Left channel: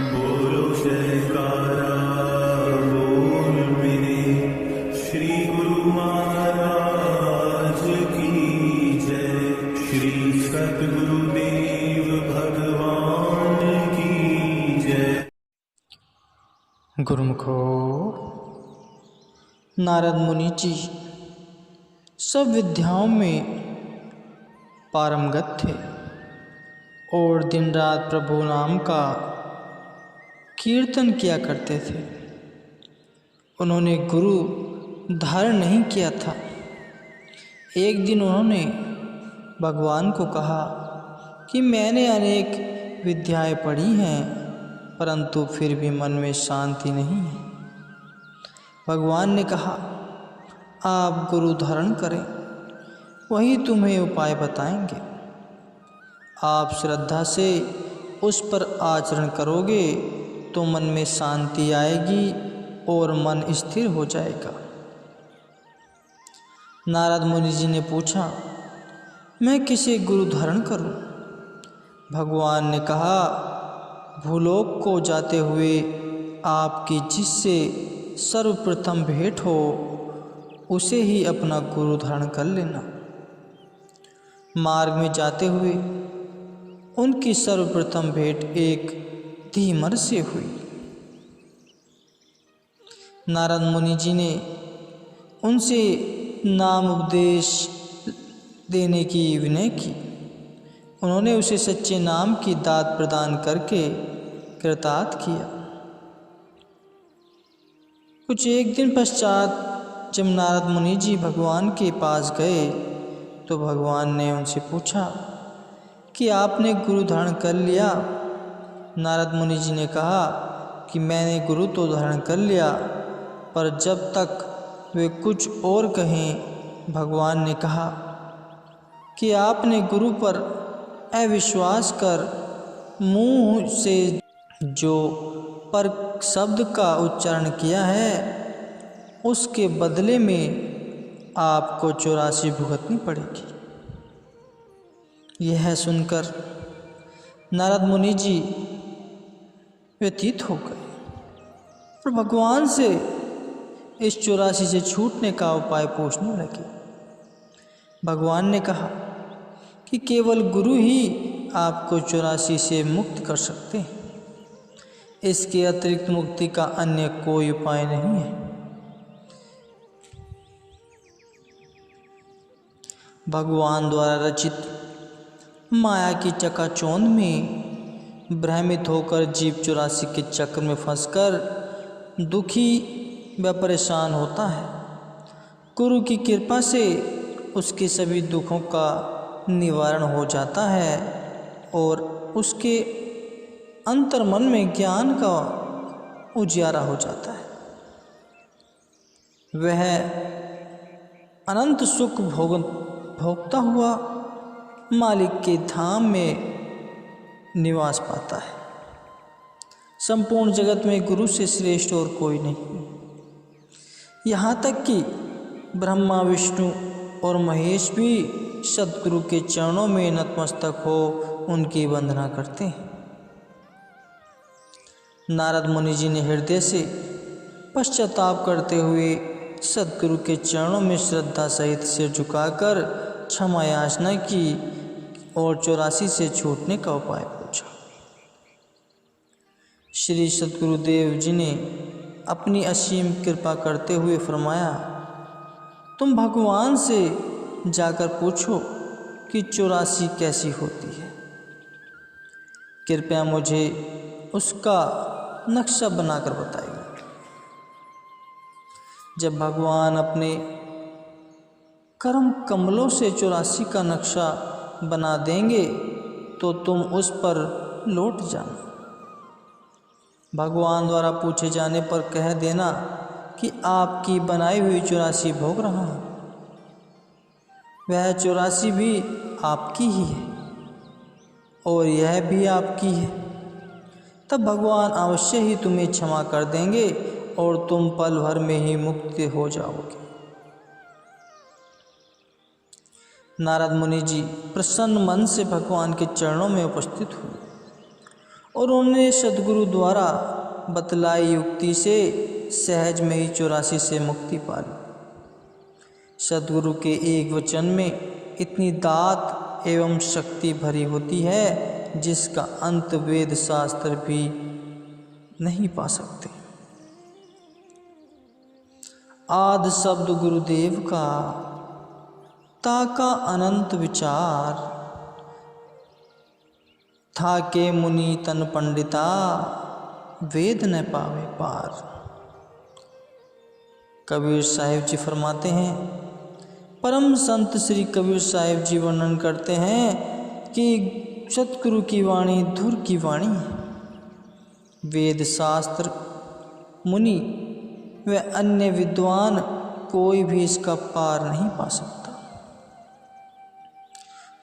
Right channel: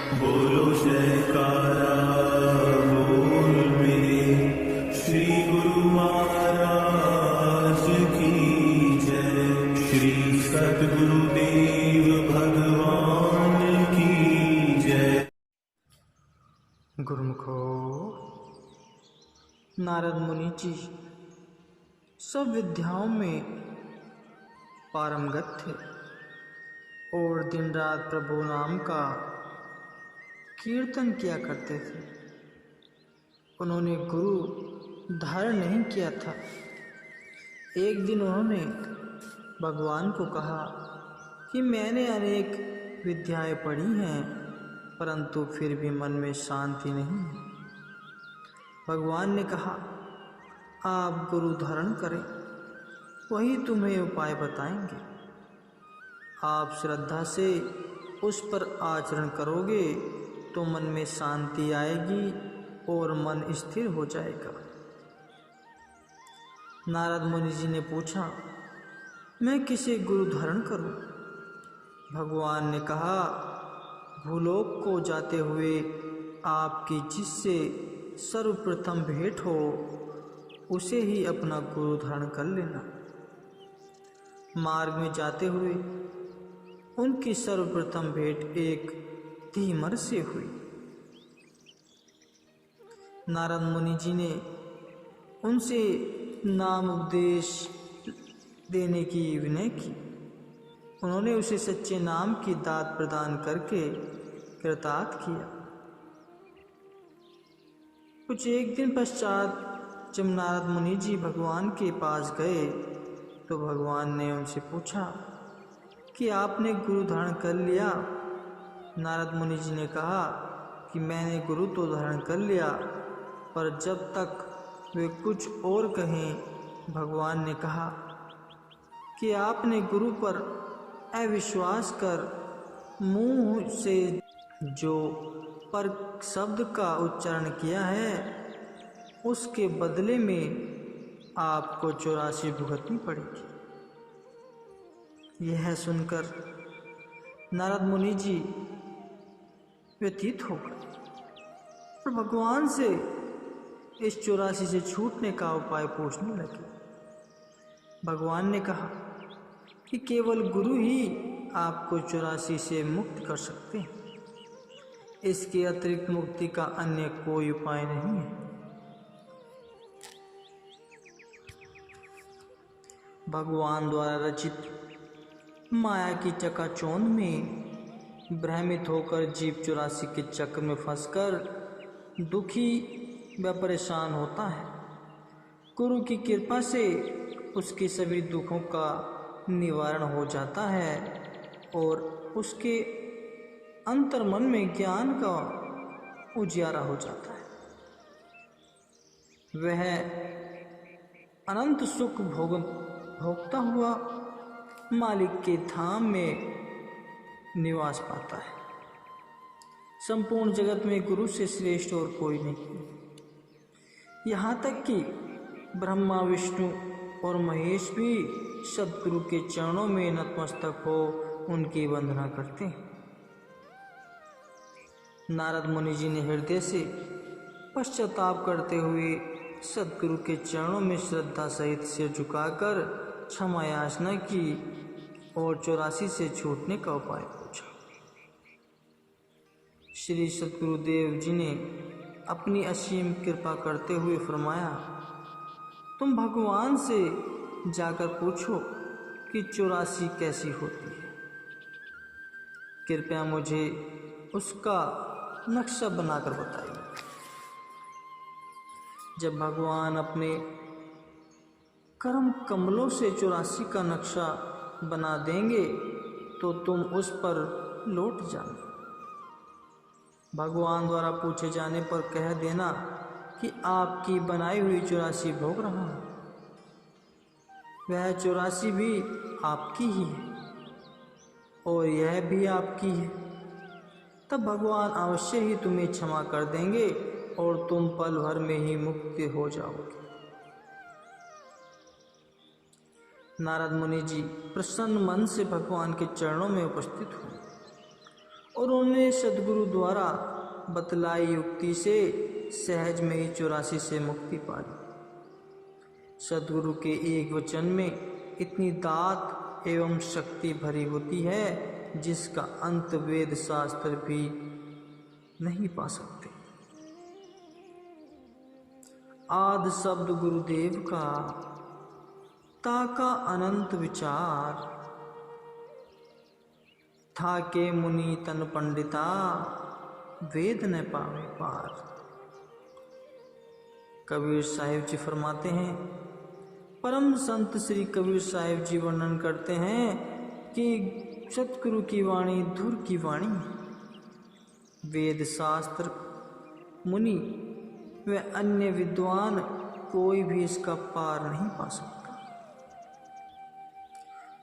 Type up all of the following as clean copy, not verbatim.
बोलो जयकारा बोल मेरे श्री गुरु महाराज की जय। श्री सद्गुरुदेव भगवान की जय। गुरुमुखो, नारद मुनि जी सब विद्याओं में पारंगत थे और दिन रात प्रभु नाम का कीर्तन किया करते थे। उन्होंने गुरु धारण नहीं किया था। एक दिन उन्होंने भगवान को कहा कि मैंने अनेक विद्याएं पढ़ी हैं, परंतु फिर भी मन में शांति नहीं है। भगवान ने कहा, आप गुरु धारण करें, वही तुम्हें उपाय बताएंगे। आप श्रद्धा से उस पर आचरण करोगे तो मन में शांति आएगी और मन स्थिर हो जाएगा। नारद मुनि जी ने पूछा, मैं किसे गुरु धारण करूं? भगवान ने कहा, भूलोक को जाते हुए आपकी जिससे सर्वप्रथम भेंट हो उसे ही अपना गुरु धारण कर लेना। मार्ग में जाते हुए उनकी सर्वप्रथम भेंट एक धीमर से हुई। नारद मुनि जी ने उनसे नाम उपदेश देने की विनय की। उन्होंने उसे सच्चे नाम की दात प्रदान करके कृतार्थ किया। कुछ एक दिन पश्चात जब नारद मुनि जी भगवान के पास गए तो भगवान ने उनसे पूछा कि आपने गुरु धारण कर लिया? नारद मुनि जी ने कहा कि मैंने गुरु तो धारण कर लिया, पर जब तक वे कुछ और कहें। भगवान ने कहा कि आपने गुरु पर अविश्वास कर मुंह से जो पर शब्द का उच्चारण किया है, उसके बदले में आपको 84 भुगतनी पड़ेगी। यह सुनकर नारद मुनि जी व्यतीत हो गए और भगवान से इस 84 से छूटने का उपाय पूछने लगे। भगवान ने कहा कि केवल गुरु ही आपको 84 से मुक्त कर सकते हैं। इसके अतिरिक्त मुक्ति का अन्य कोई उपाय नहीं है। भगवान द्वारा रचित माया की चकाचौंध में भ्रमित होकर जीव 84 के चक्र में फंसकर दुखी व परेशान होता है। गुरु की कृपा से उसके सभी दुखों का निवारण हो जाता है और उसके अंतर्मन में ज्ञान का उजियारा हो जाता है। वह अनंत सुख भोगता हुआ मालिक के धाम में निवास पाता है। संपूर्ण जगत में गुरु से श्रेष्ठ और कोई नहीं। यहाँ तक कि ब्रह्मा, विष्णु और महेश भी सद्गुरु के चरणों में नतमस्तक हो उनकी वंदना करते हैं। नारद मुनि जी ने हृदय से पश्चाताप करते हुए सद्गुरु के चरणों में श्रद्धा सहित सिर झुकाकर क्षमा याचना की और 84 से छूटने का उपाय पूछा। श्री सद्गुरुदेव जी ने अपनी असीम कृपा करते हुए फरमाया, तुम भगवान से जाकर पूछो कि 84 कैसी होती है। कृपया मुझे उसका नक्शा बनाकर बताइए। जब भगवान अपने कर्म कमलों से 84 का नक्शा बना देंगे तो तुम उस पर लौट जाना। भगवान द्वारा पूछे जाने पर कह देना कि आपकी बनाई हुई 84 भोग रहा हूँ। वह 84 भी आपकी ही है और यह भी आपकी है। तब भगवान अवश्य ही तुम्हें क्षमा कर देंगे और तुम पल भर में ही मुक्त हो जाओगे। नारद मुनि जी प्रसन्न मन से भगवान के चरणों में उपस्थित हुए और उन्होंने सदगुरु द्वारा बतलाई युक्ति से सहज में ही 84 से मुक्ति पा ली। सदगुरु के एक वचन में इतनी दात एवं शक्ति भरी होती है जिसका अंत वेद शास्त्र भी नहीं पा सकते। आदि शब्द गुरुदेव का ताका अनंत विचार था के मुनि तन पंडिता वेद न पावे पार। कबीर साहिब जी फरमाते हैं, परम संत श्री कबीर साहिब जी वर्णन करते हैं कि सतगुरु की वाणी धुर की वाणी है। वेद शास्त्र मुनि व अन्य विद्वान कोई भी इसका पार नहीं पा सकता।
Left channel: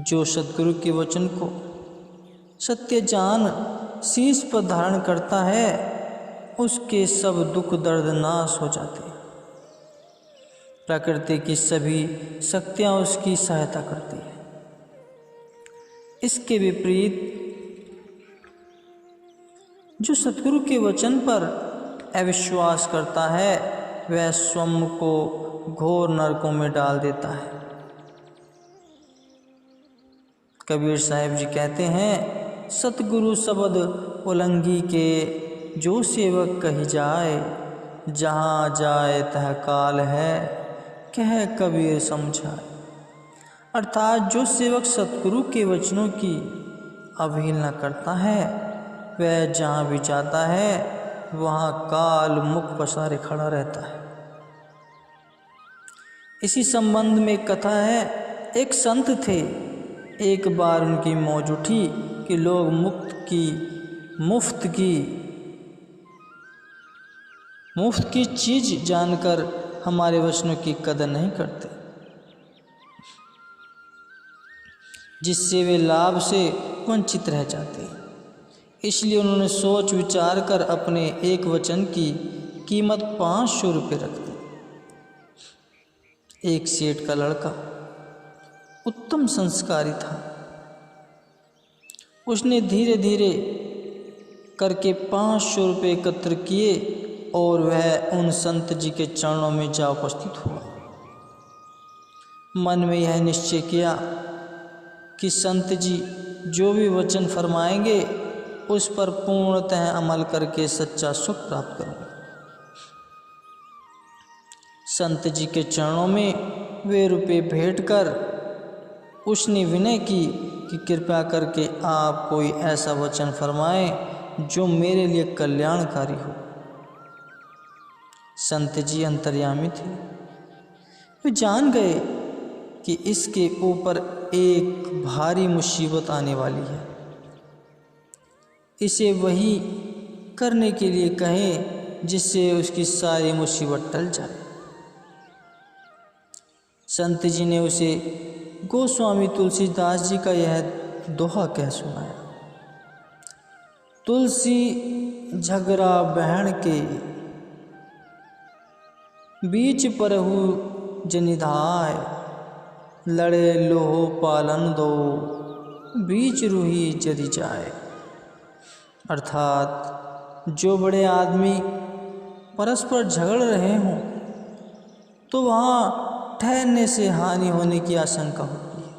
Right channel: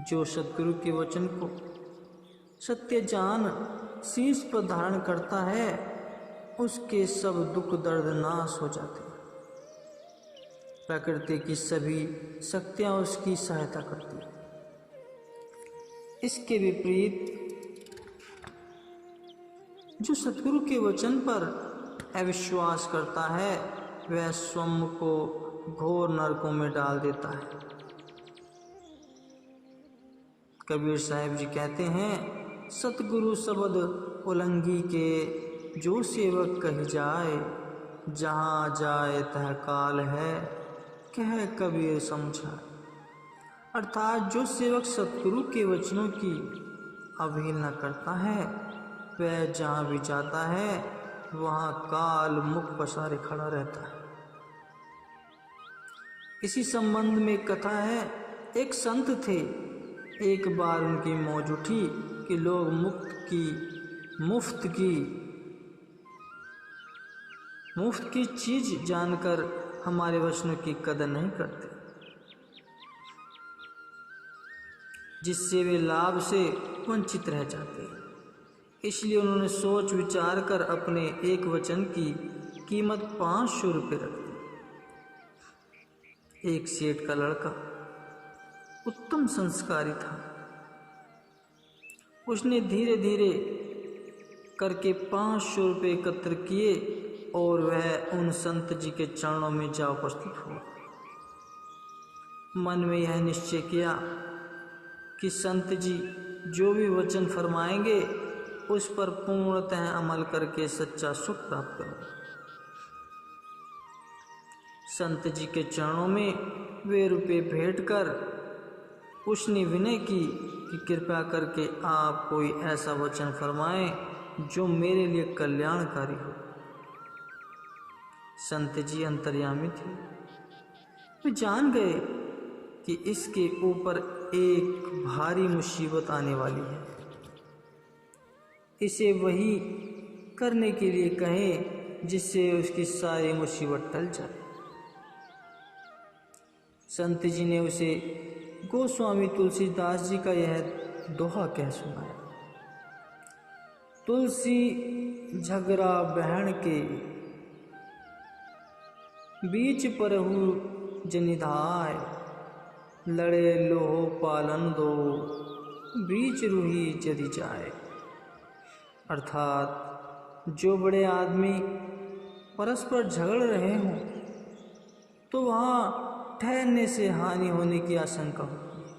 जो सतगुरु के वचन को सत्य जान शीश पर धारण करता है उसके सब दुख दर्द नाश हो जाते हैं। प्रकृति की सभी शक्तियाँ उसकी सहायता करती है। इसके विपरीत जो सतगुरु के वचन पर अविश्वास करता है वह स्वयं को घोर नरकों में डाल देता है। कबीर साहिब जी कहते हैं, सतगुरु शब्द उलंघी के जो सेवक कही जाए, जहाँ जाए तह काल है कह कबीर समझाए। अर्थात जो सेवक सतगुरु के वचनों की अवहेलना करता है वह जहाँ भी जाता है वहाँ काल मुख पसारे खड़ा रहता है। इसी संबंध में कथा है, एक संत थे। एक बार उनकी मौज उठी कि लोग मुफ्त की चीज जानकर हमारे वचनों की कदर नहीं करते, जिससे वे लाभ से वंचित रह जाते हैं। इसलिए उन्होंने सोच विचार कर अपने एक वचन की कीमत 500 रुपये रख दी। एक सेठ का लड़का उत्तम संस्कारी था। उसने धीरे धीरे करके 500 रुपये एकत्र किए और वह उन संत जी के चरणों में जा उपस्थित हुआ। मन में यह निश्चय किया कि संत जी जो भी वचन फरमाएंगे उस पर पूर्णतः अमल करके सच्चा सुख प्राप्त करूंगा। संत जी के चरणों में वे रुपये भेंट कर उसने विनय की कि कृपया करके आप कोई ऐसा वचन फरमाएं जो मेरे लिए कल्याणकारी हो। संत जी अंतर्यामी थे। वे जान गए कि इसके ऊपर एक भारी मुसीबत आने वाली है। इसे वही करने के लिए कहें जिससे उसकी सारी मुसीबत टल जाए। संत जी ने उसे गोस्वामी तुलसीदास जी का यह दोहा कह सुनाया। तुलसी झगड़ा बहन के बीच परहु जनिधाय, लड़े लोहो पालन दो बीच रूही जरी जाए। अर्थात जो बड़े आदमी परस्पर झगड़ रहे हों तो वहाँ ठहरने से हानि होने की आशंका होती है।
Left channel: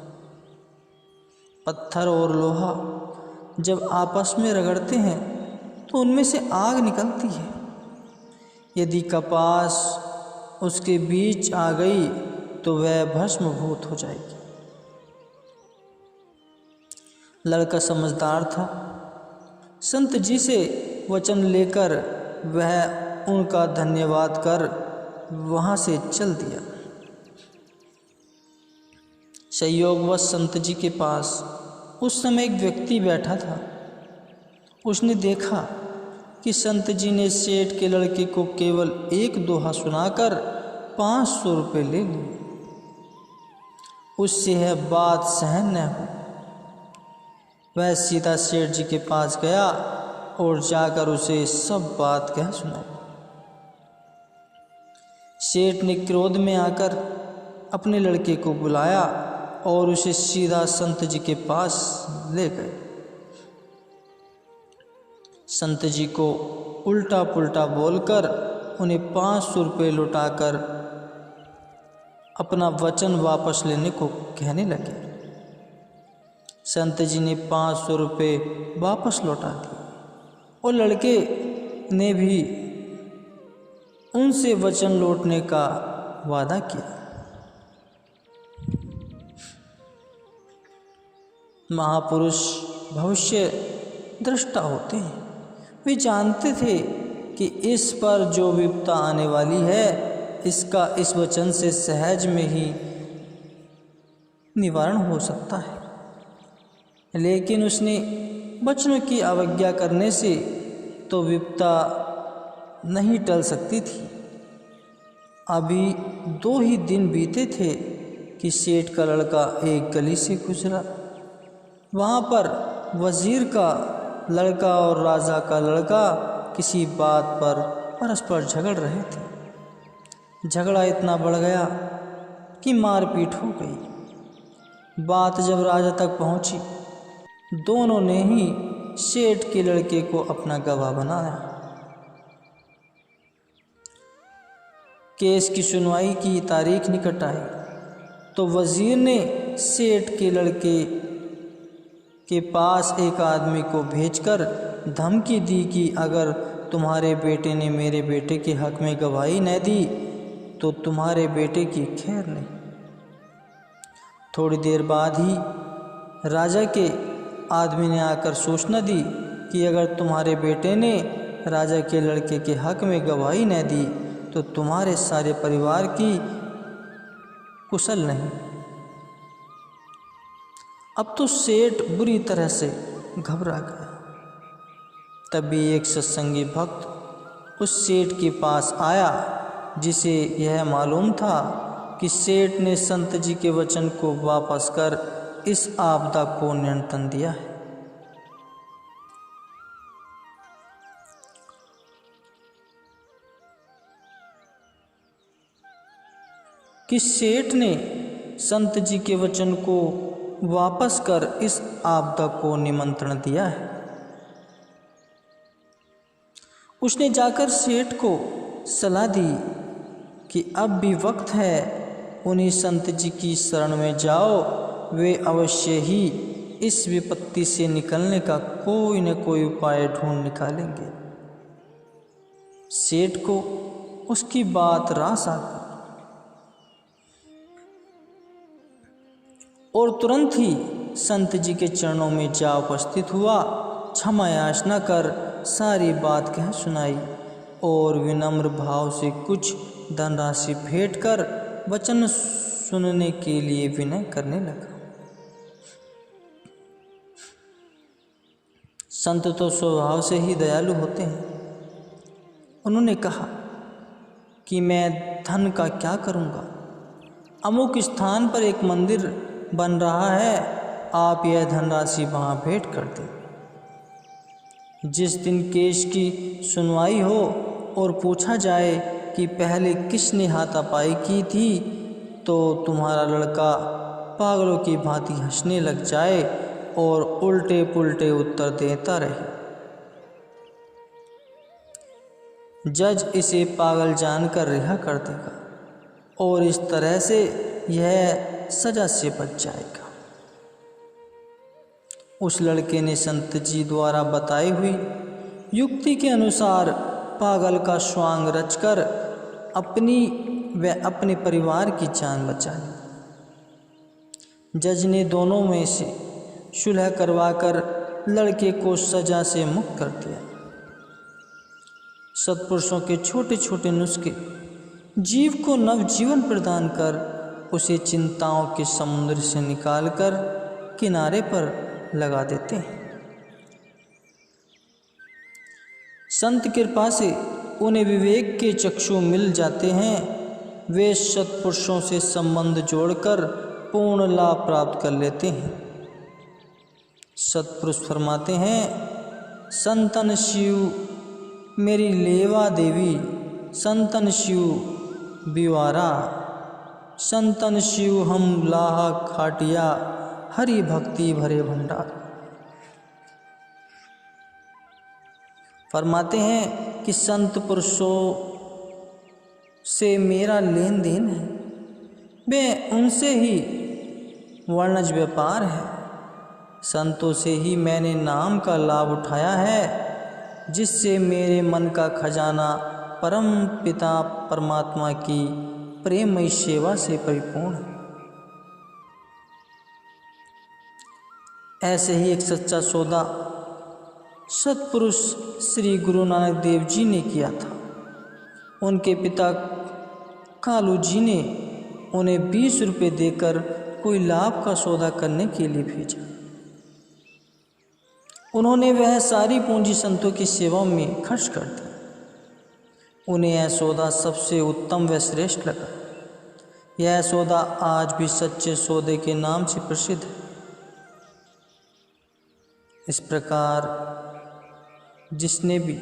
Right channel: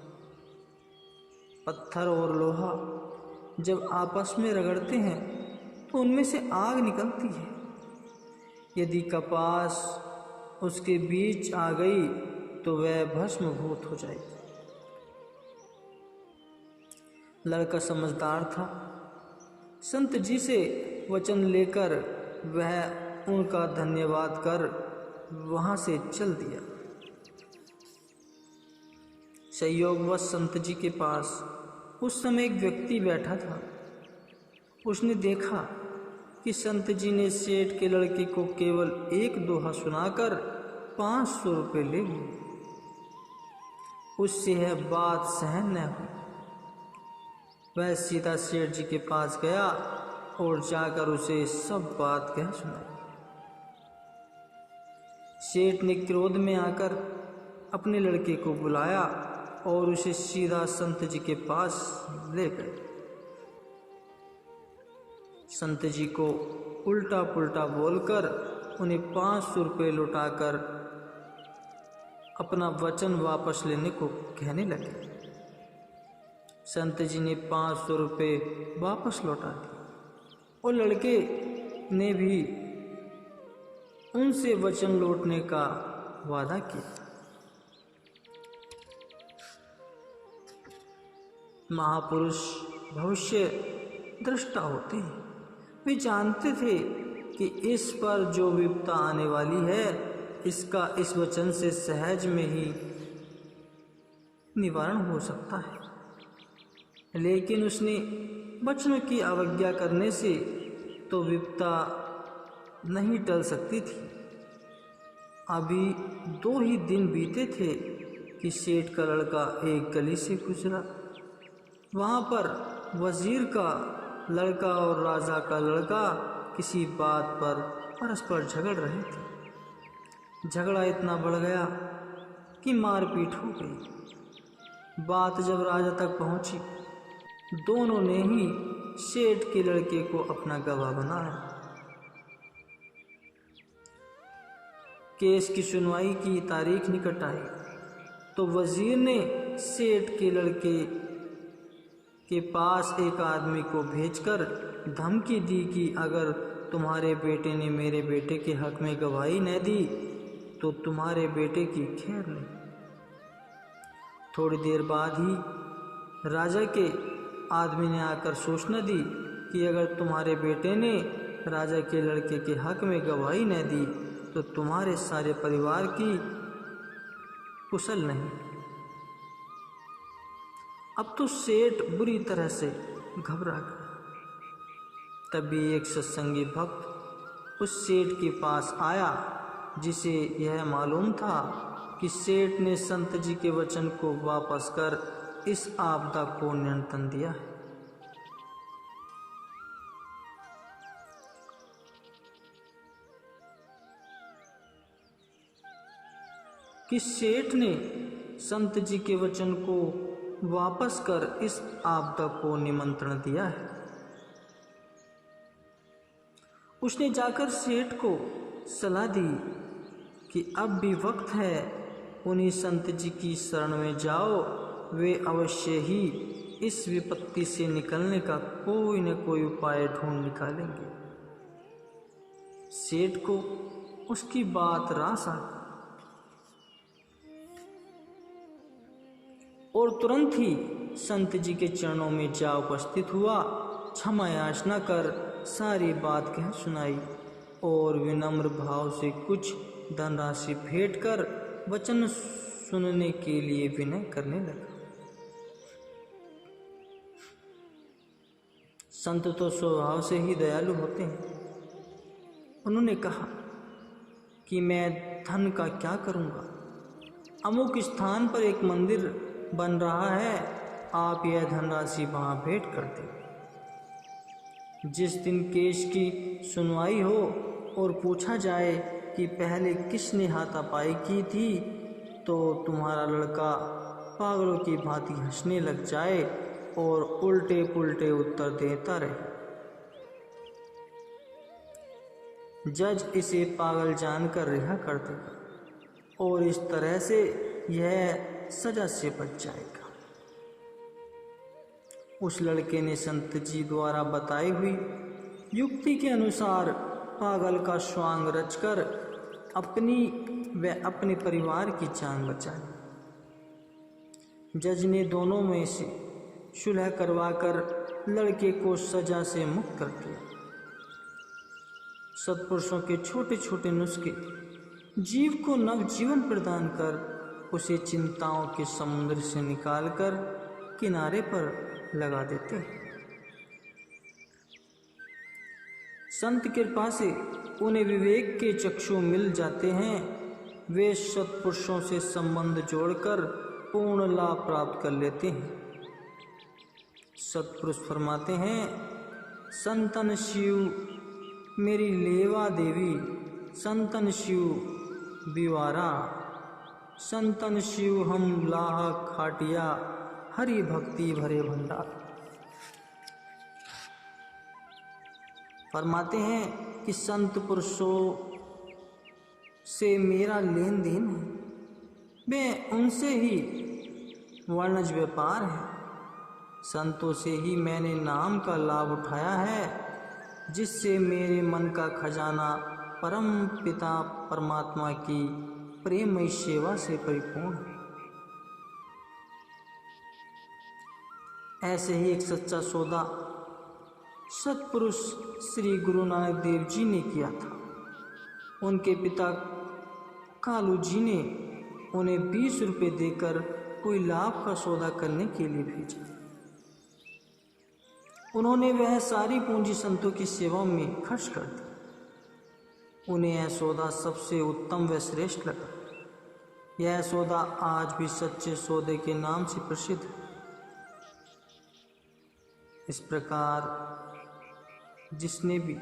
पत्थर और लोहा जब आपस में रगड़ते हैं तो उनमें से आग निकलती है। यदि कपास उसके बीच आ गई तो वह भस्मभूत हो जाएगी। लड़का समझदार था। संत जी से वचन लेकर वह उनका धन्यवाद कर वहाँ से चल दिया। संयोगवश संत जी के पास उस समय एक व्यक्ति बैठा था। उसने देखा कि संत जी ने सेठ के लड़के को केवल एक दोहा सुनाकर 500 रुपये ले लिए। उससे यह बात सहन न हुई। वह सीधा सेठ जी के पास गया और जाकर उसे सब बात कह सुनाई। सेठ ने क्रोध में आकर अपने लड़के को बुलाया और उसे सीधा संत जी के पास ले गए। संत जी को उल्टा पुल्टा बोलकर उन्हें 500 रुपये लौटाकर अपना वचन वापस लेने को कहने लगे। संत जी ने 500 रुपये वापस लौटा दिए और लड़के ने भी उनसे वचन लौटने का वादा किया। महापुरुष भविष्य दृष्टा होते हैं। वे जानते थे कि इस पर जो विपदा आने वाली है इसका इस वचन से सहज में ही निवारण हो सकता है, लेकिन उसने वचनों की अवज्ञा करने से तो विपदा नहीं टल सकती थी। अभी 2 ही दिन बीते थे कि सेठ का लड़का एक गली से गुजरा। वहाँ पर वजीर का लड़का और राजा का लड़का किसी बात पर परस्पर झगड़ रहे थे। झगड़ा इतना बढ़ गया कि मारपीट हो गई। बात जब राजा तक पहुंची, दोनों ने ही सेठ के लड़के को अपना गवाह बनाया। केस की सुनवाई की तारीख निकट आई तो वजीर ने सेठ के लड़के के पास एक आदमी को भेजकर धमकी दी कि अगर तुम्हारे बेटे ने मेरे बेटे के हक में गवाही न दी तो तुम्हारे बेटे की खैर नहीं। थोड़ी देर बाद ही राजा के आदमी ने आकर सूचना दी कि अगर तुम्हारे बेटे ने राजा के लड़के के हक में गवाही न दी तो तुम्हारे सारे परिवार की कुशल नहीं। अब तो सेठ बुरी तरह से घबरा गया। तभी एक सत्संगी भक्त उस सेठ के पास आया जिसे यह मालूम था कि सेठ ने संत जी के वचन को वापस कर इस आपदा को नियंत्रण दिया है। कि सेठ ने संत जी के वचन को वापस कर इस आपदा को निमंत्रण दिया है। उसने जाकर सेठ को सलाह दी कि अब भी वक्त है, उन्हीं संत जी की शरण में जाओ, वे अवश्य ही इस विपत्ति से निकलने का कोई न कोई उपाय ढूंढ निकालेंगे। सेठ को उसकी बात रास आ गई और तुरंत ही संत जी के चरणों में जा उपस्थित हुआ, क्षमा याचना कर सारी बात कह सुनाई और विनम्र भाव से कुछ धनराशि भेंट कर वचन सुनने के लिए विनय करने लगा। संत तो स्वभाव से ही दयालु होते हैं। उन्होंने कहा कि मैं धन का क्या करूँगा, अमुक स्थान पर एक मंदिर बन रहा है, आप यह धनराशि वहाँ भेंट कर दें। जिस दिन केस की सुनवाई हो और पूछा जाए कि पहले किसने हाथापाई की थी तो तुम्हारा लड़का पागलों की भांति हंसने लग जाए और उल्टे पुल्टे उत्तर देता रहे। जज इसे पागल जानकर रिहा कर देगा और इस तरह से यह सजा से बच जाएगा। उस लड़के ने संत जी द्वारा बताई हुई युक्ति के अनुसार पागल का स्वांग रचकर अपनी व अपने परिवार की जान बचा ली। जज ने दोनों में से सुलह करवाकर लड़के को सजा से मुक्त कर दिया। सत्पुरुषों के छोटे छोटे नुस्खे जीव को नवजीवन प्रदान कर उसे चिंताओं के समुद्र से निकालकर किनारे पर लगा देते हैं। संत कृपा से उन्हें विवेक के चक्षु मिल जाते हैं। वे सत्पुरुषों से संबंध जोड़कर पूर्ण लाभ प्राप्त कर लेते हैं। सत्पुरुष फरमाते हैं, संतन शिव मेरी लेवा देवी, संतन शिव बिवारा, संतन शिव हम लाहा खाटिया, हरि भक्ति भरे भंडार। फरमाते हैं कि संत पुरुषों से मेरा लेन देन है, वे उनसे ही वर्णज व्यापार है। संतों से ही मैंने नाम का लाभ उठाया है, जिससे मेरे मन का खजाना परम पिता परमात्मा की प्रेममयी सेवा से परिपूर्ण है। ऐसे ही एक सच्चा सौदा सत्पुरुष श्री गुरु नानक देव जी ने किया था। उनके पिता कालू जी ने उन्हें 20 रुपये देकर कोई लाभ का सौदा करने के लिए भेजा। उन्होंने वह सारी पूंजी संतों की सेवा में खर्च कर दी। उन्हें यह सौदा सबसे उत्तम व श्रेष्ठ लगा। यह सौदा आज भी सच्चे सौदे के नाम से प्रसिद्ध है। इस प्रकार जिसने भी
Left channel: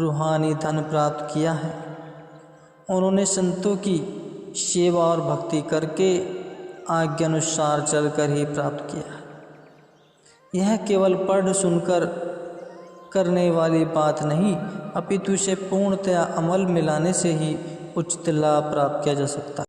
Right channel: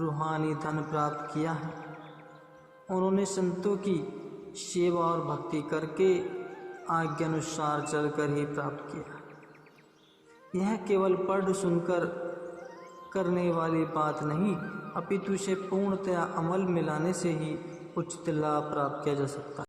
रूहानी धन प्राप्त किया है, उन्होंने संतों की सेवा और भक्ति करके आज्ञा अनुसार चलकर ही प्राप्त किया है। यह केवल पढ़ सुनकर करने वाली बात नहीं, अपितु इसे पूर्णतया अमल में लाने से ही उचित लाभ प्राप्त किया जा सकता है।